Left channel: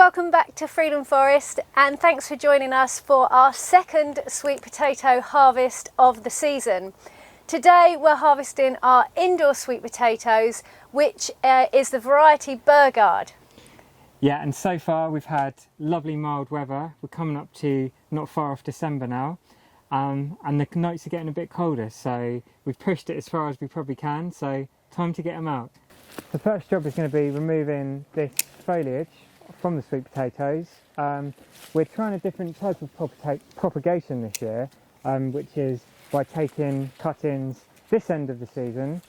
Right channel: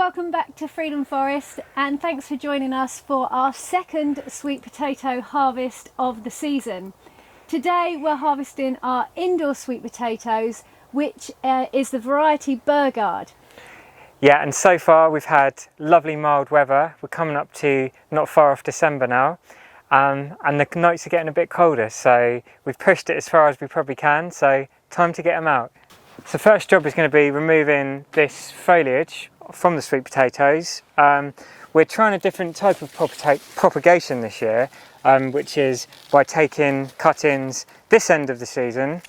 welcome back to Freedom Forest, and thanks for joining us for our second sweet potato harvest of the season. Today we're harvesting our indoor sweet potatoes, which is the variety Beauregard. Yeah, and so far we've had lovely mild weather. We're coming up to not far off December now, and the nights are getting a bit colder, so we've pushed it as far as we probably can, so time to get them out. So the first job is going to be removing this foliage from the sweet potatoes. We're trying a different type of propagation this year, which is by taking cuttings this end of the season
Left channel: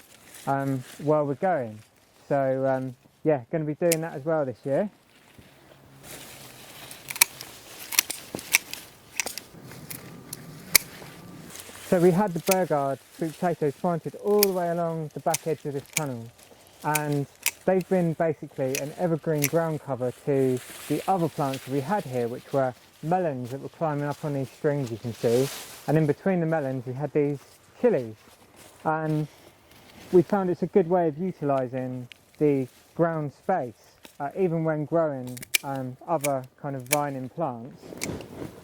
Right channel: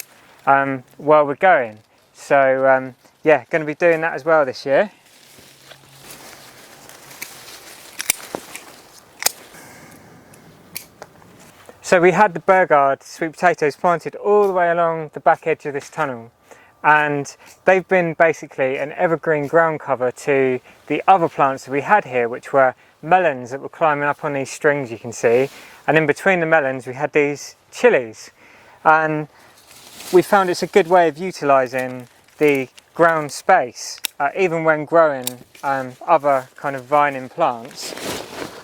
while we're going. So yeah, going to be doing that as well this year. So we had the Beauregard sweet potatoes planted all the way along the back edge of this tunnel, and they've been basically an evergreen ground cover to the other plants that we had here, which were melons that were climbing up on these strings you can see, and in between the melons we had these chilies, and we found it's a good way of utilising the ground space, even when growing other kind of vining plants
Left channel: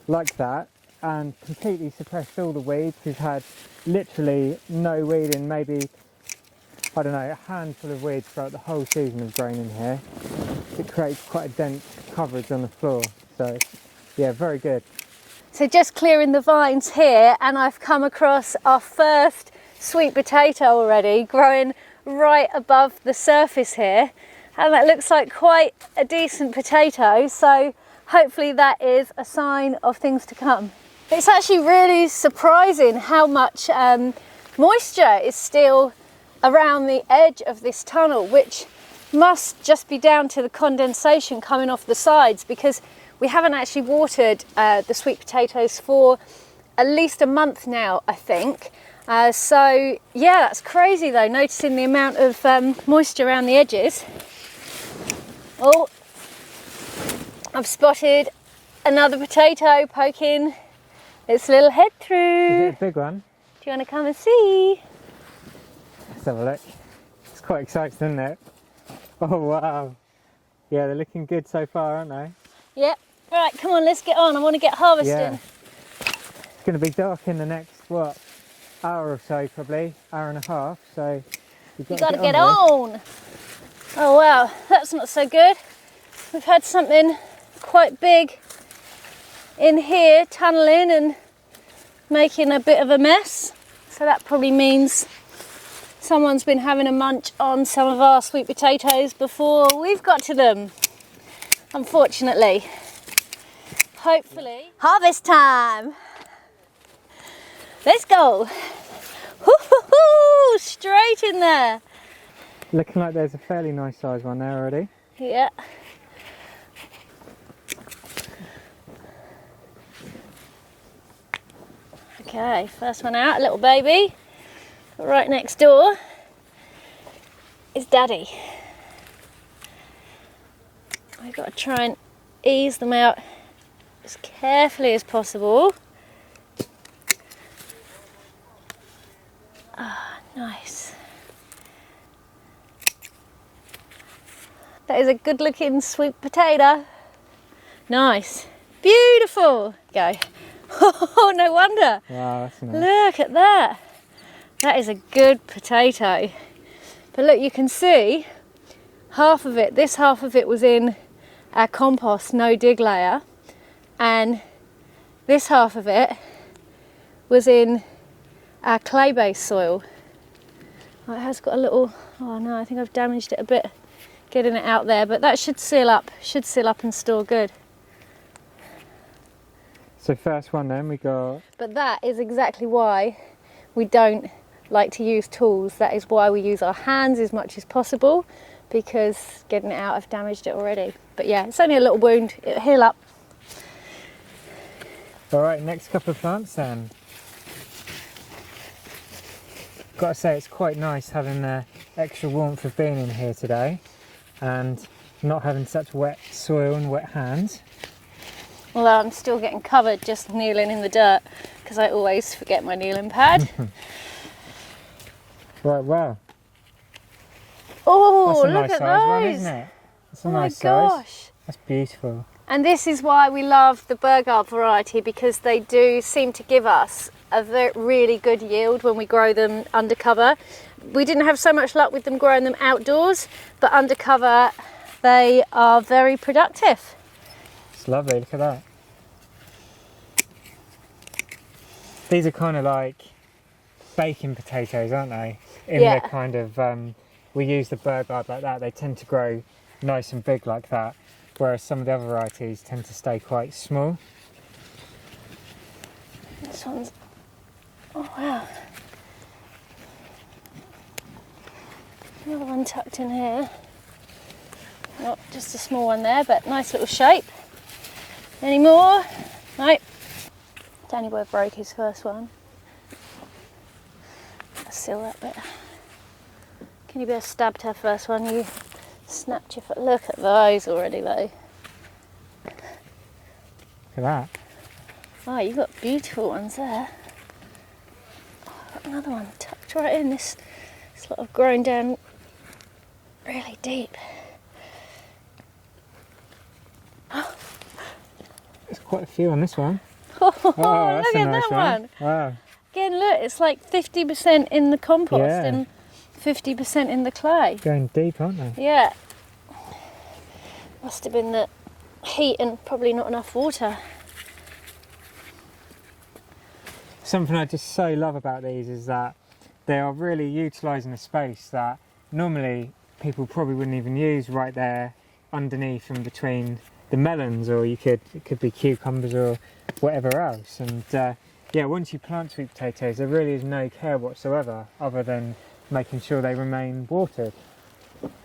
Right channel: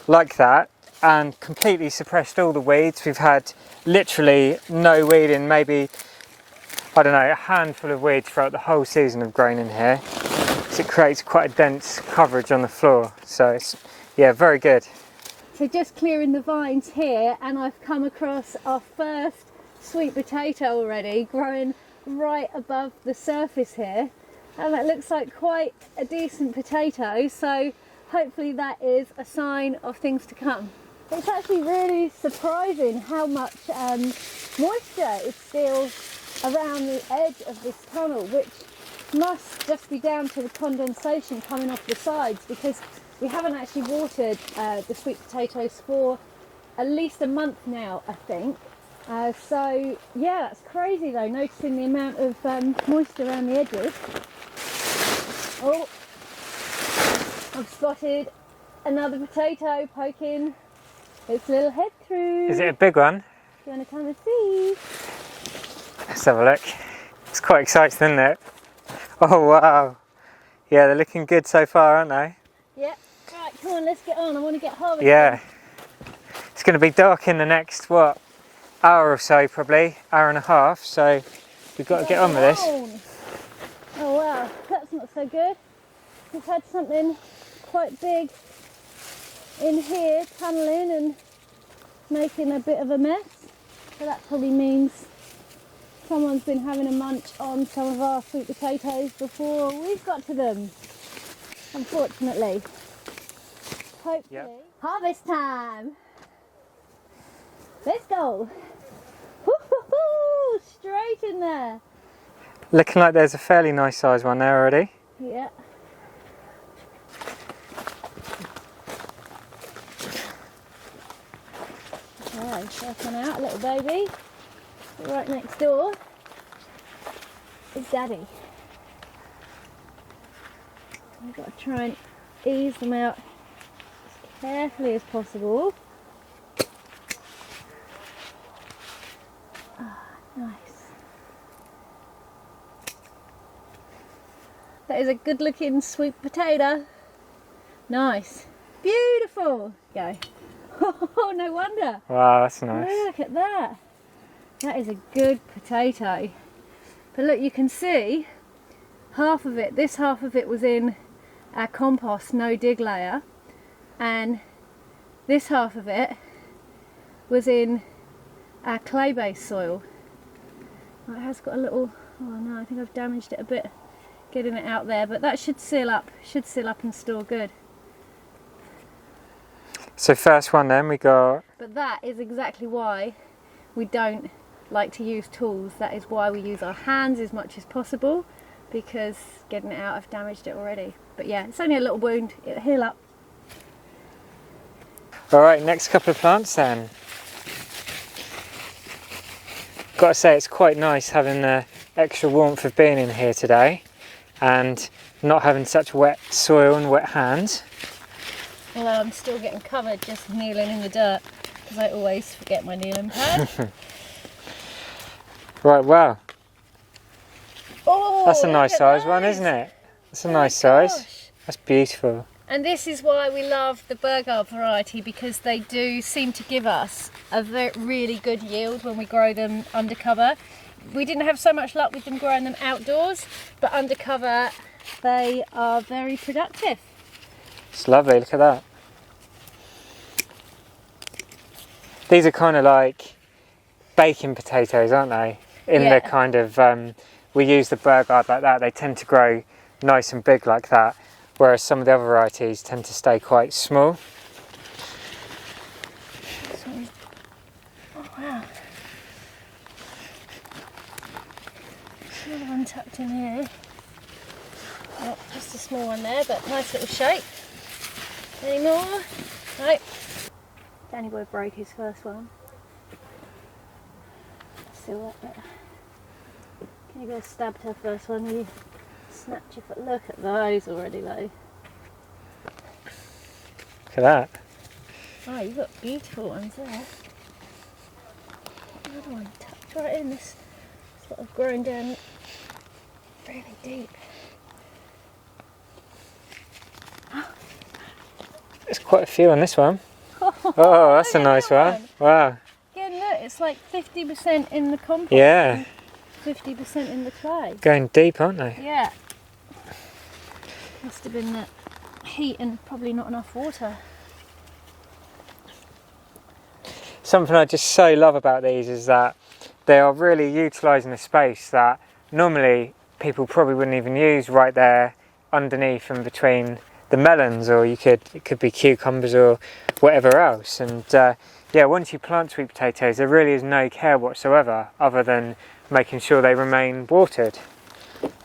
like that, and completely suppressed all the weeds. We've had literally no weeding, maybe, I don't know, a handful of weeds throughout the whole season of growing in here. So it creates quite a dense coverage on the floor. So it's, yeah, very good. So just clearing the vines here, and I've come across our first sweet potato already growing right above the surface here. And that looks like quite a decent potato. So hopefully that is a sign of things to come. It's actually really surprising how much moisture is still around the edge of this tunnel, which must just be down to the condensation coming off the sides, because we haven't actually watered the sweet potatoes for at least a month now, I think. So yeah, that's crazy though, noticing the amount of moisture around the edges. Oh, I've spotted another potato poking its little head through. Is it a big one? Do you want to come and see? Let's have a look. It's quite exciting, isn't it? Oh wow. Yeah, they're looking good so far, aren't they? Yep. Right, come on, let's get on. I want to get harvesting. Yeah. It's going to be dark in the next, what, hour or so probably, hour and a half, so we've got to get on with this. Oh wow, that's not so good. We've had something quite big in here tunneling and making a bit of a mess. So that probably means someone's been having a munch on some of our sweet potatoes before we've got to them, unfortunately. Hopefully. Yep. Harvest time! Let's go! Woo-hoo-hoo! Straight in there! Looking like there's a fairly nice size one there already. Yeah. Okay, first one out, little baby. Right next door is Daddy. We've got to try and ease them out as carefully as possible. Ah, nice. That is a good looking sweet potato. Nice. Beautiful. Go. Oh, no wonder. Wow, that's nice. Look at that. That is a good potato. But look, you can see half of it, this half of it was in our compost no dig layer, and this half of it was in our clay based soil. Oh, it has got a little, oh no, I think I've damaged it a bit getting it out there, but that should seal up and store good. So first one then we got... But that is exactly why we don't like to use tools. That is why we use our hands as much as possible, because getting it out, I've damaged it already. But yeah, it's only a little wound, it'll heal up. All right, next couple of plants then. Got to say, it's quite nice having the extra warmth of being in here today and not having such wet soil and wet hands. Although I'm still getting covered just kneeling in the dirt, because I always forget my kneeling pad. Right, wow. Oh, that's a nice size one, isn't it? It's a nice size. That's beautiful. And this is why we love the Beauregard variety, because they do seem to give us a really good yield when we grow them undercover. We didn't have so much luck with them growing them outdoors, but undercover they are very productive. It's lovely, look at that. These are kind of like baking potatoes, aren't they? In Yeah. the kind of, we use the Beauregard like that, they tend to grow nice and big like that, whereas some of the other varieties tend to stay quite small. This one's, oh wow. Another one tucked in here. Oh, just a small one there, but nice little shape. Any more? No. Danny boy broke his first one. Seal that bit. Can you be stabbed her first one? You snapped your foot. Look at those already though. Look at that. Oh, you've got beautiful ones there. Got another one tucked right in. This sort of grown down really deep. There's quite a few on this one. Oh, Oh, that's look a at nice that one. Wow. Again, look, it's like 50% in the compost Yeah. and 50% in the clay. Going deep, aren't they? Yeah. Must have been the heat and probably not enough water. Something I just so love about these is that they are really utilising a space that normally people probably wouldn't even use right there underneath and between the melons, or it could be cucumbers or whatever else. And yeah, once you plant sweet potatoes, there really is no care whatsoever other than making sure they remain watered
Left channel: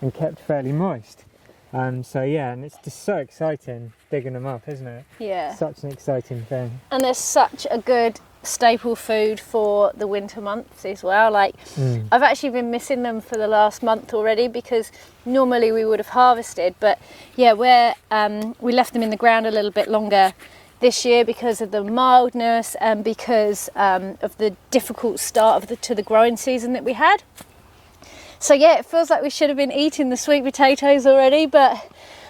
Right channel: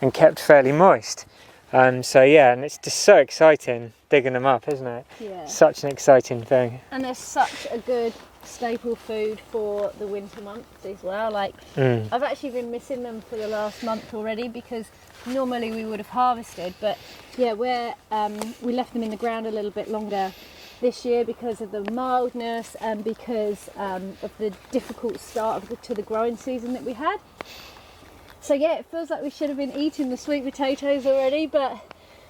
and kept fairly moist. So yeah, and it's just so exciting digging them up, isn't it? Yeah. Such an exciting thing. And they're such a good staple food for the winter months as well. Like, I've actually been missing them for the last month already, because normally we would have harvested, but yeah, we left them in the ground a little bit longer this year because of the mildness and because of the difficult start to the growing season that we had. So yeah, it feels like we should have been eating the sweet potatoes already, but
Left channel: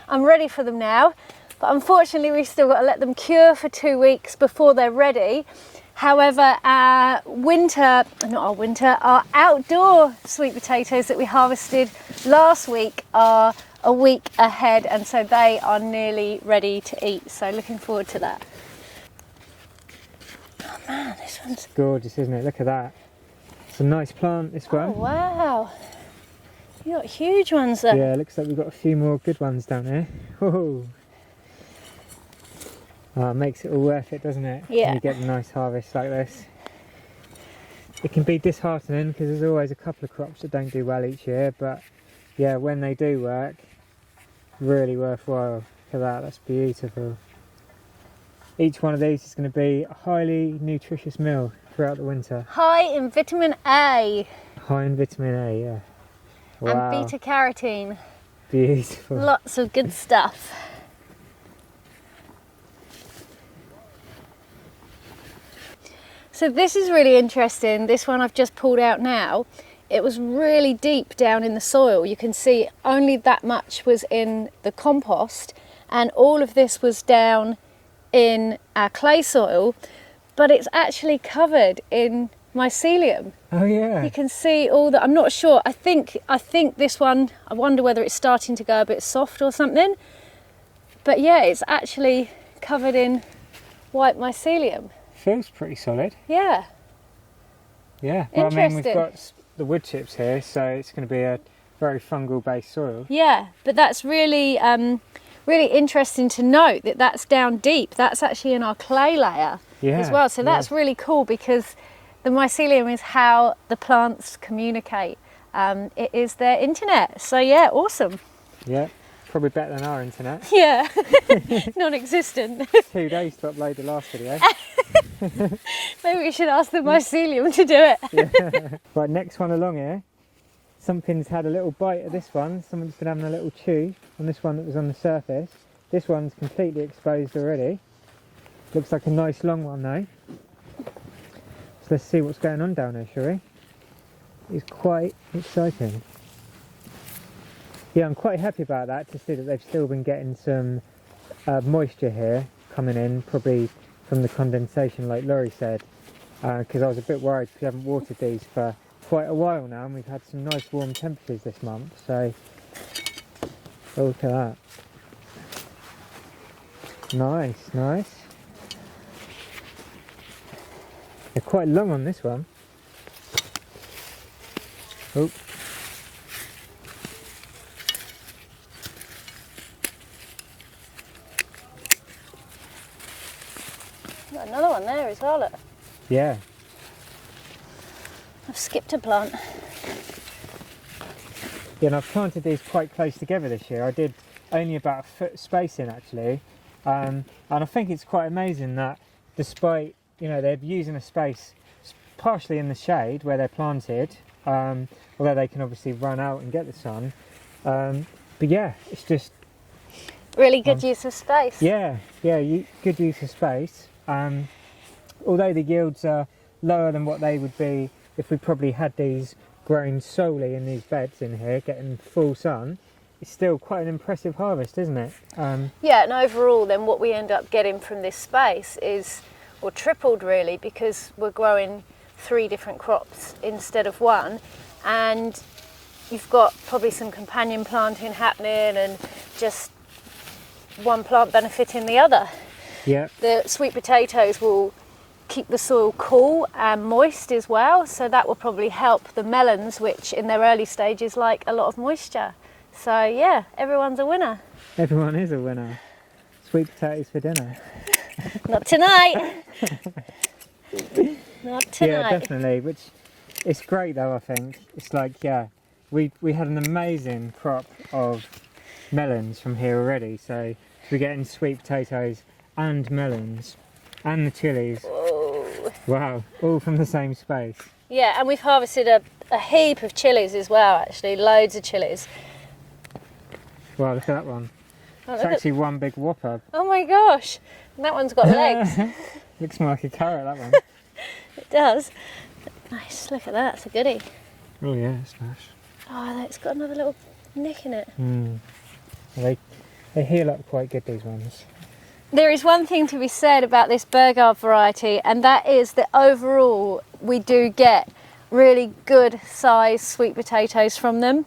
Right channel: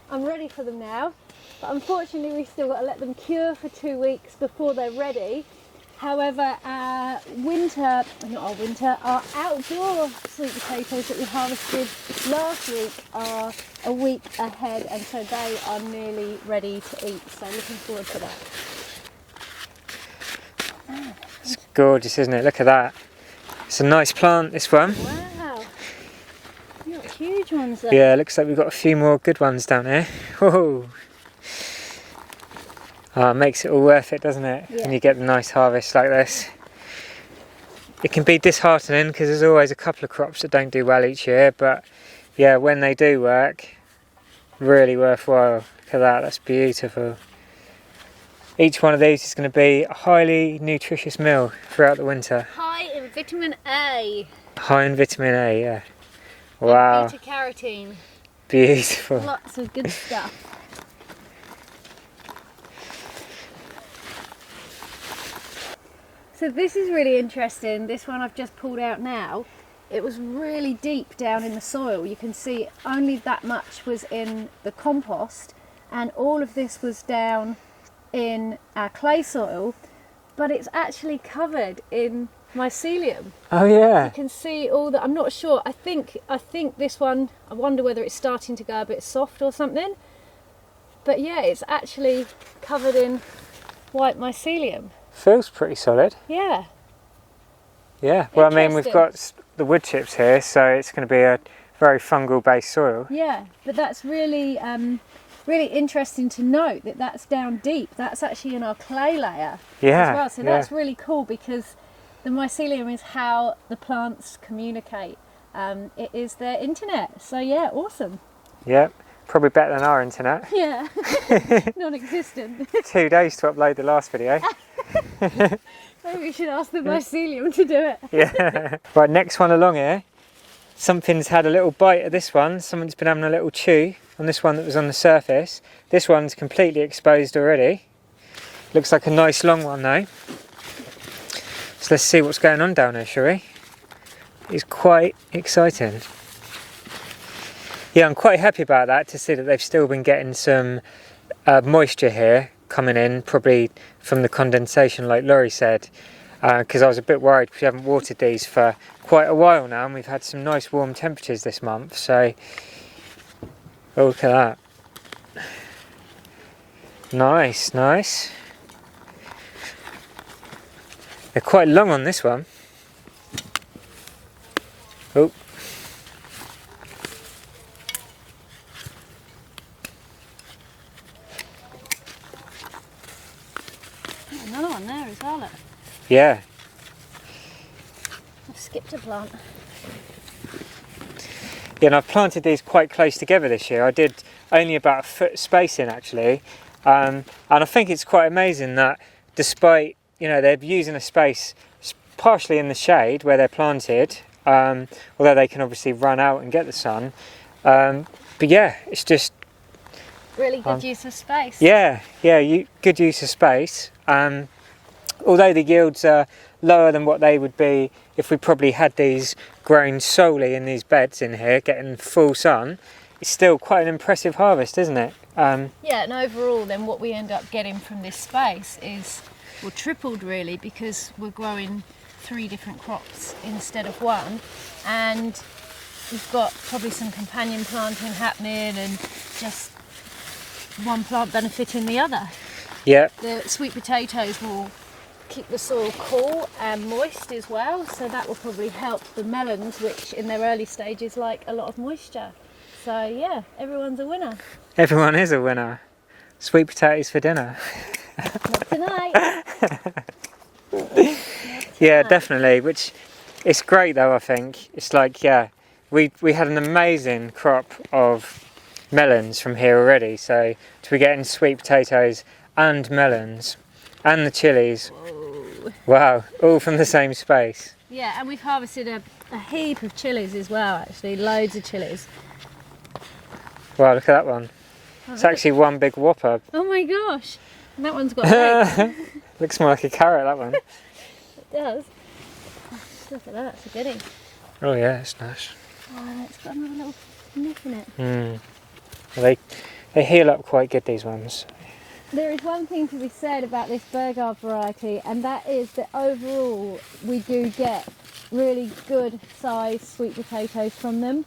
I'm ready for them now. But unfortunately, we've still got to let them cure for 2 weeks before they're ready. However, our outdoor sweet potatoes that we harvested last week are a week ahead, and so they are nearly ready to eat. So looking forward to that. Oh man, this one's It's gorgeous, isn't it? Look at that. It's a nice plant, this one. wow. You got huge ones there. Yeah, looks like we've got a few more good ones down here. Whoa. Oh, it makes it all worth it, doesn't it? Yeah. When you get a nice harvest like this. It can be disheartening because there's always a couple of crops that don't do well each year, but yeah, when they do work, really worthwhile. Look at that, that's beautiful. Each one of these is going to be a highly nutritious meal throughout the winter. High in vitamin A. High in vitamin A, yeah. Wow, And beta carotene. beautiful. Lots of good stuff. So this is really interesting. This one I've just pulled out now. It was really deep down in the soil. You can see only that much was in the compost, and all of this was down in our clay soil, but it's actually covered in mycelium. Oh yeah. You can see all that. I'm not sure. I think this one, I wonder whether it's starting to go a bit soft or something. But yeah, it's actually covered in white mycelium. Feels pretty solid. Yeah. Yeah, well, I mean, we've Interesting. got the wood chips here, so it's going to be a very fungal based soil. Yeah, but that's really really interesting to note that that's down deep. That's actually in our clay layer Yeah, as well. So that's yeah. really cool, because the mycelium is how the plants communicate. It is their internet. So yeah, awesome. Yeah, probably better than our internet. Yeah, non-existent. 2 days to upload the last video. Maybe we should ask the mycelium to do it. Yeah. Right, next one along here. Something's had a little bite of this one. Someone's been having a little chew on this one that was on the surface. This one's completely exposed already. Looks like a nice long one though. So let's see what's going on down here, shall we? It's quite exciting. Yeah, I'm quite happy about that, to see that they've still been getting some moisture here coming in, probably from the condensation like Laurie said, because I was a bit worried because we haven't watered these for quite a while now, and we've had some nice warm temperatures this month. So oh, look at that. Nice, nice. They're quite long on this one. Oh. Got another one there as well, look. Yeah. I've skipped a plant. Yeah, and I've planted these quite close together this year. I did only about a foot spacing actually. And I think it's quite amazing that despite, you know, they're using a space partially in the shade where they're planted, although they can obviously run out and get the sun. But yeah, it's just... Really good use of space. Yeah, good use of space. Although the yields are lower than what they would be if we probably had these grown solely in these beds in here, getting full sun, it's still quite an impressive harvest, isn't it? Yeah, and overall then what we end up getting from this space is, well, tripled really, because we're growing 3 different crops instead of 1, and we've got probably some companion planting happening and just one plant benefiting the other. Yeah. The sweet potatoes will keep the soil cool and moist as well, so that will probably help the melons, which in their early stages like a lot of moisture. So yeah, everyone's a winner. Everyone is a winner. Sweet potatoes for dinner. Not tonight. Not tonight. Yeah, definitely. Which it's great though. I think it's like, yeah, we had an amazing crop of melons from here already. So to be getting sweet potatoes and melons and the chilies, Whoa. wow, all from the same space. Yeah, and we've harvested a heap of chilies as well. Actually, loads of chilies. Wow, look at that one. Oh, It's actually one big whopper. Oh my gosh! And that one's got legs. Looks more like a carrot, that one. It does. Nice. Look at that. It's a goodie. Oh yeah, it's nice. Oh, no, it's got another little nick in it. They heal up quite good, these ones. There is one thing to be said about this Beauregard variety, and that is that overall we do get really good sized sweet potatoes from them.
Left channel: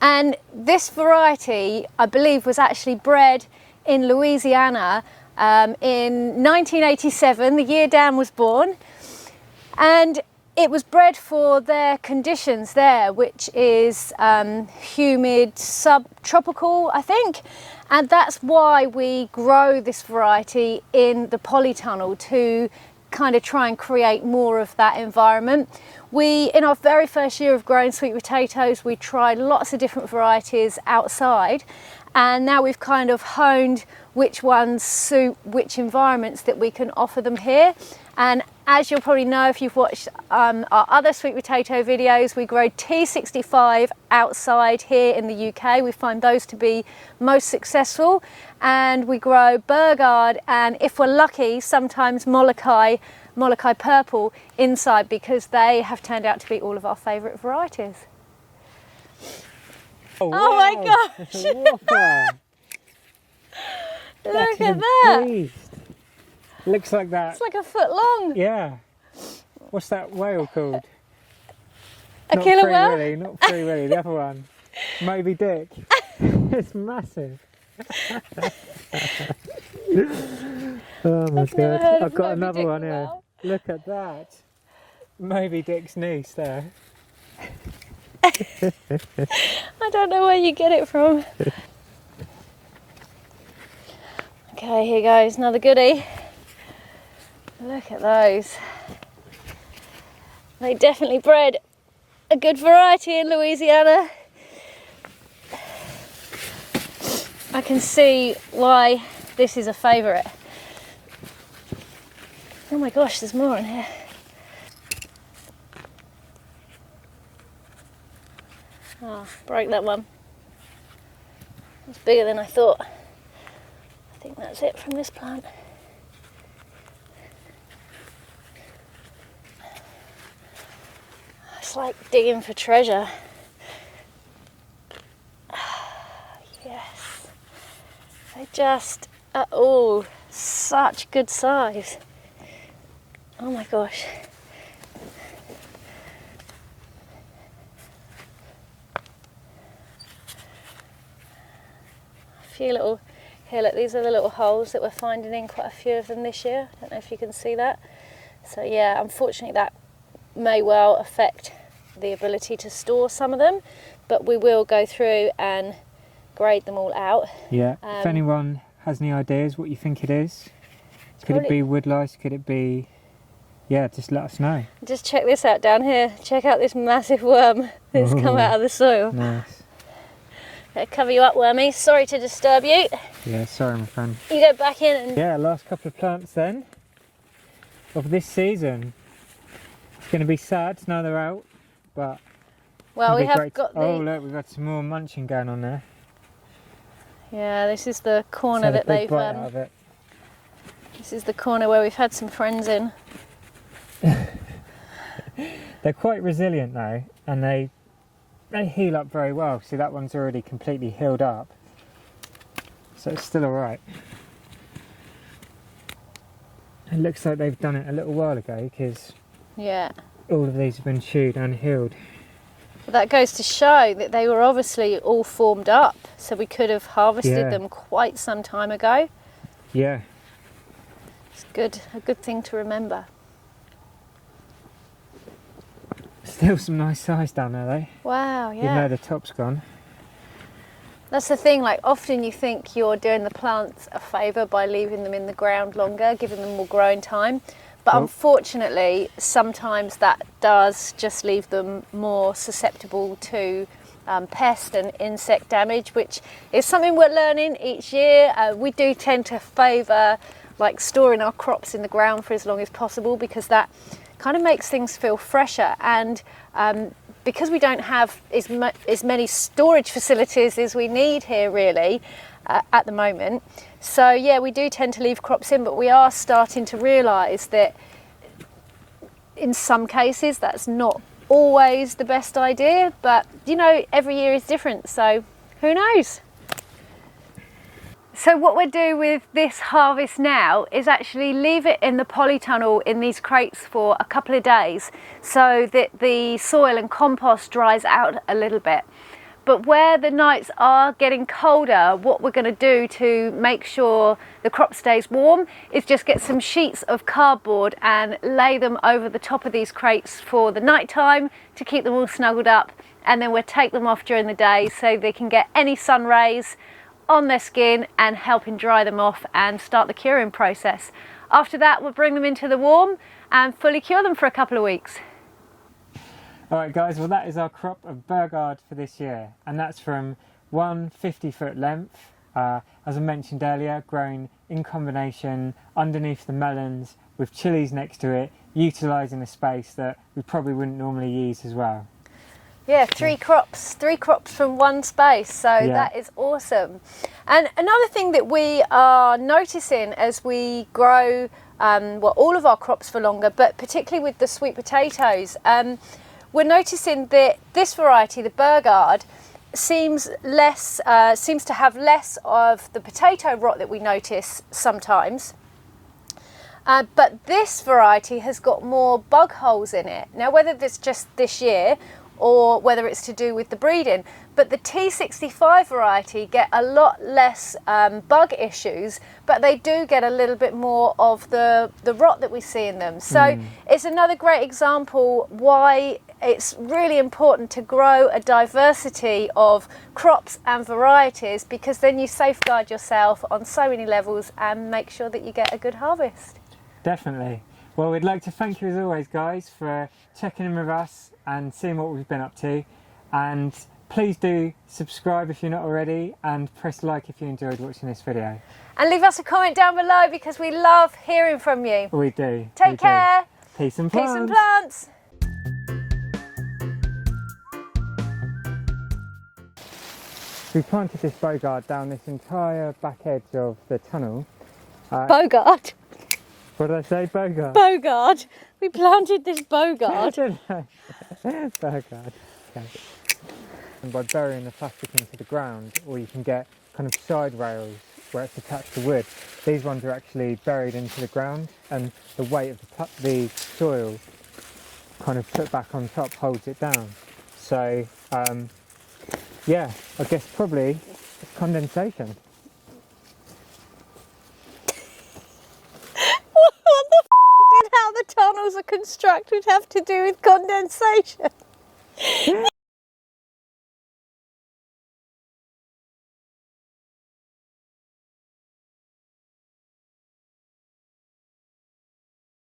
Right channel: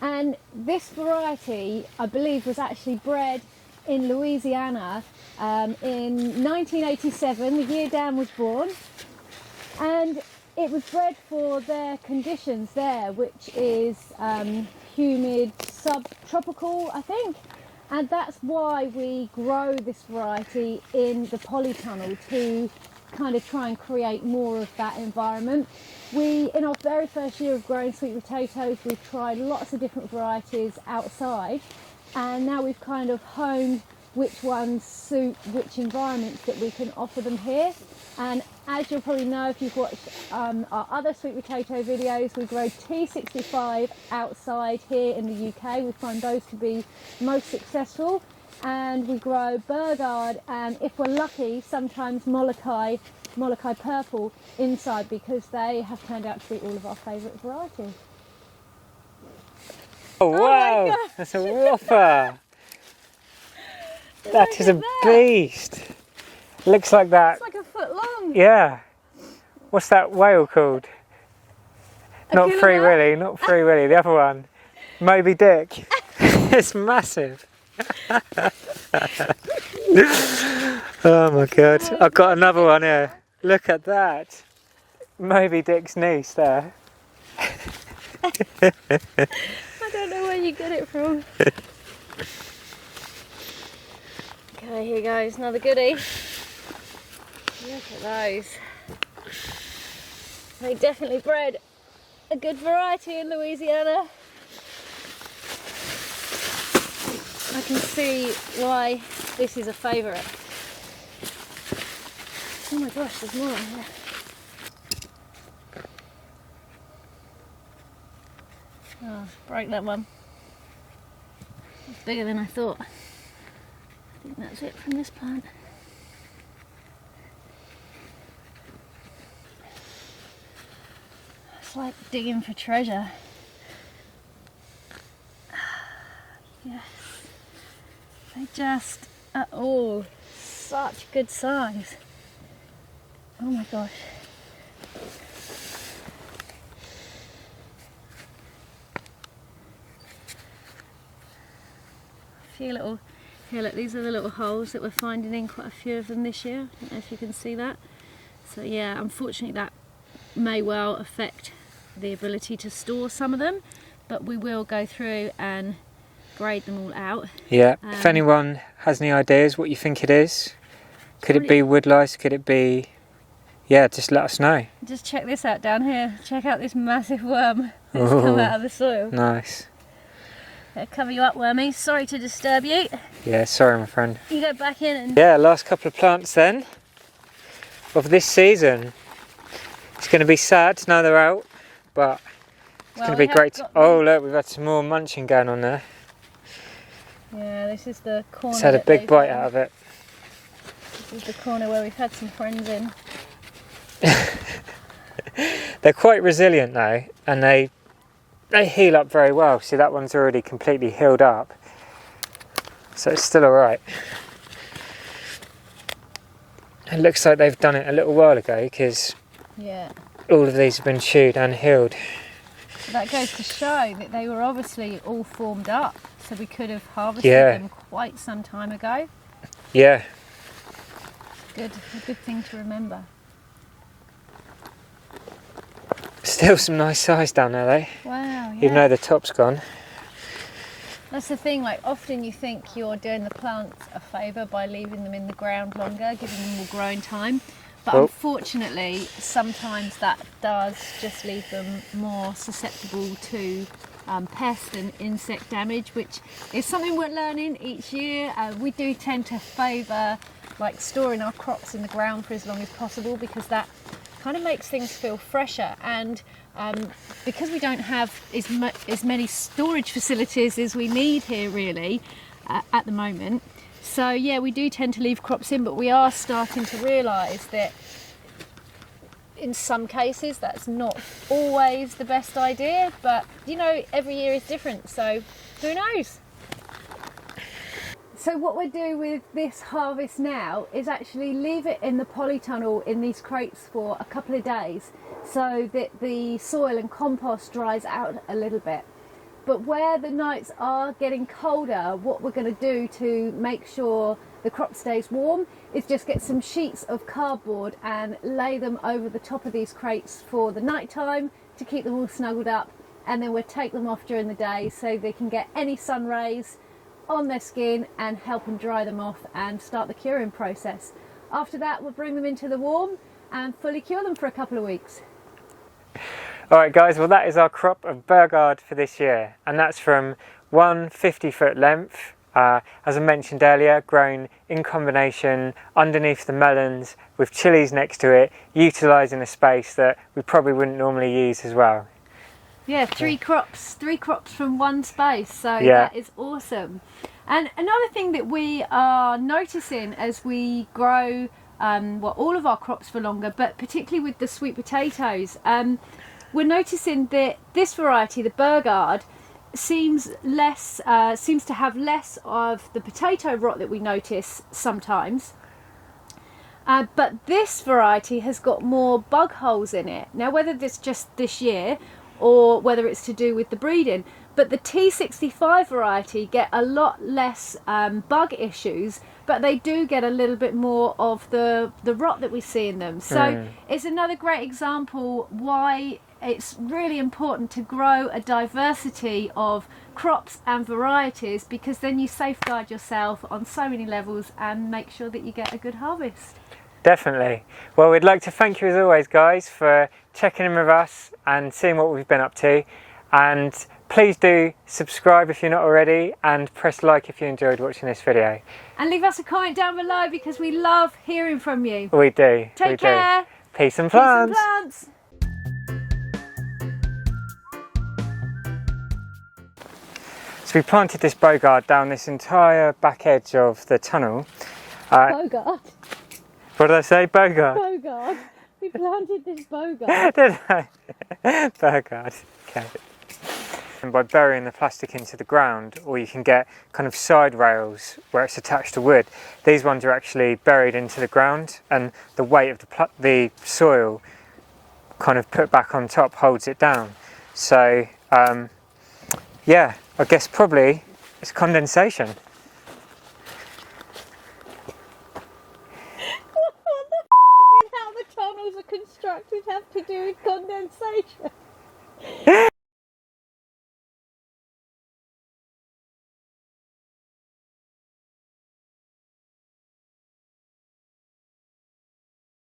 And this variety, I believe, was actually bred in Louisiana in 1987, the year Dan was born. And it was bred for their conditions there, which is humid, subtropical, I think. And that's why we grow this variety in the polytunnel, to kind of try and create more of that environment. In our very first year of growing sweet potatoes, we tried lots of different varieties outside, and now we've kind of honed which ones suit which environments that we can offer them here. And as you'll probably know if you've watched our other sweet potato videos, we grow T65 outside here in the UK. We find those to be most successful, and we grow Beauregard, and if we're lucky, sometimes Molokai Purple inside, because they have turned out to be all of our favourite varieties. Oh, wow. my gosh! That's a whopper! That is a beast! Looks like that. It's like a foot long. Yeah. What's that whale called? Not killer Free whale? Willy, not Free Willy, the other one. Moby Dick. It's massive. Oh my god. I've got another one here. Look at that. Moby Dick's niece there. I don't know where you get it from. Okay, here goes another goodie. Look at those. They definitely bred a good variety in Louisiana. I can see why this is a favourite. Oh my gosh, there's more on here. Oh, broke that one. It's bigger than I thought. I think that's it from this plant. It's like digging for treasure. Yes. They just are all such good size. Oh my gosh. A few little, here look, these are the little holes that we're finding in quite a few of them this year. I don't know if you can see that. So yeah, unfortunately that may well affect the ability to store some of them, but we will go through and grade them all out. Yeah, if anyone has any ideas what you think it is, could it be wood lice, could it be, yeah, just let us know. Just check this out down here. Check out this massive worm that's come out of the soil. Nice. Better cover you up, wormy. Sorry to disturb you. Yeah, sorry my friend. You go back in and... Yeah, last couple of plants then of this season. It's going to be sad now they're out, but it's going to be great. Oh look, we've had some more munching going on there. Yeah, this is the corner. It's had a big bite out of it. This is the corner where we've had some friends in. They're quite resilient though, and they heal up very well. See, that one's already completely healed up, so it's still all right. It looks like they've done it a little while ago because yeah, all of these have been chewed and healed. But that goes to show that they were obviously all formed up, so we could have harvested them quite some time ago. Yeah. It's a good thing to remember. Still some nice size down there though. Wow, yeah. Even though the top's gone. That's the thing, like often you think you're doing the plants a favour by leaving them in the ground longer, giving them more growing time. But unfortunately, sometimes that does just leave them more susceptible to pest and insect damage, which is something we're learning each year. We do tend to favour like storing our crops in the ground for as long as possible because that kind of makes things feel fresher, and because we don't have as many storage facilities as we need here really at the moment. So yeah, we do tend to leave crops in, but we are starting to realise that in some cases that's not always the best idea, but you know, every year is different, so who knows. So what we'll do with this harvest now is actually leave it in the polytunnel in these crates for a couple of days so that the soil and compost dries out a little bit. But where the nights are getting colder, what we're going to do to make sure the crop stays warm is just get some sheets of cardboard and lay them over the top of these crates for the night time to keep them all snuggled up, and then we'll take them off during the day so they can get any sun rays on their skin and helping dry them off and start the curing process. After that, we'll bring them into the warm and fully cure them for a couple of weeks. Alright guys, well that is our crop of Beauregard for this year, and that's from one 50-foot length, as I mentioned earlier, grown in combination underneath the melons with chilies next to it, utilising a space that we probably wouldn't normally use as well. Yeah, three crops from one space, so that is awesome. And another thing that we are noticing as we grow all of our crops for longer, but particularly with the sweet potatoes, we're noticing that this variety, the Beauregard, seems to have less of the potato rot that we notice sometimes. But this variety has got more bug holes in it. Now, whether it's just this year or whether it's to do with the breeding, but the T65 variety get a lot less bug issues, but they do get a little bit more of the rot that we see in them. So it's another great example why it's really important to grow a diversity of crops and varieties, because then you safeguard yourself on so many levels and make sure that you get a good harvest. Definitely. Well, we'd like to thank you as always guys for checking in with us and seeing what we've been up to, and please do subscribe if you're not already, and press like if you enjoyed watching this video. And leave us a comment down below because we love hearing from you. We do. Take care. Peace and plants. Peace and plants. So we planted this Beauregard down this entire back edge of the tunnel. Beauregard. What did I say? Beauregard. Beauregard. We planted this Beauregard. Did I? Beauregard. Okay. and by burying the plastic into the ground, or you can get kind of side rails where it's attached to wood. These ones are actually buried into the ground, and the weight of the soil kind of put back on top holds it down. So yeah, I guess probably it's condensation. What the f*** did how the tunnels are constructed have to do with condensation?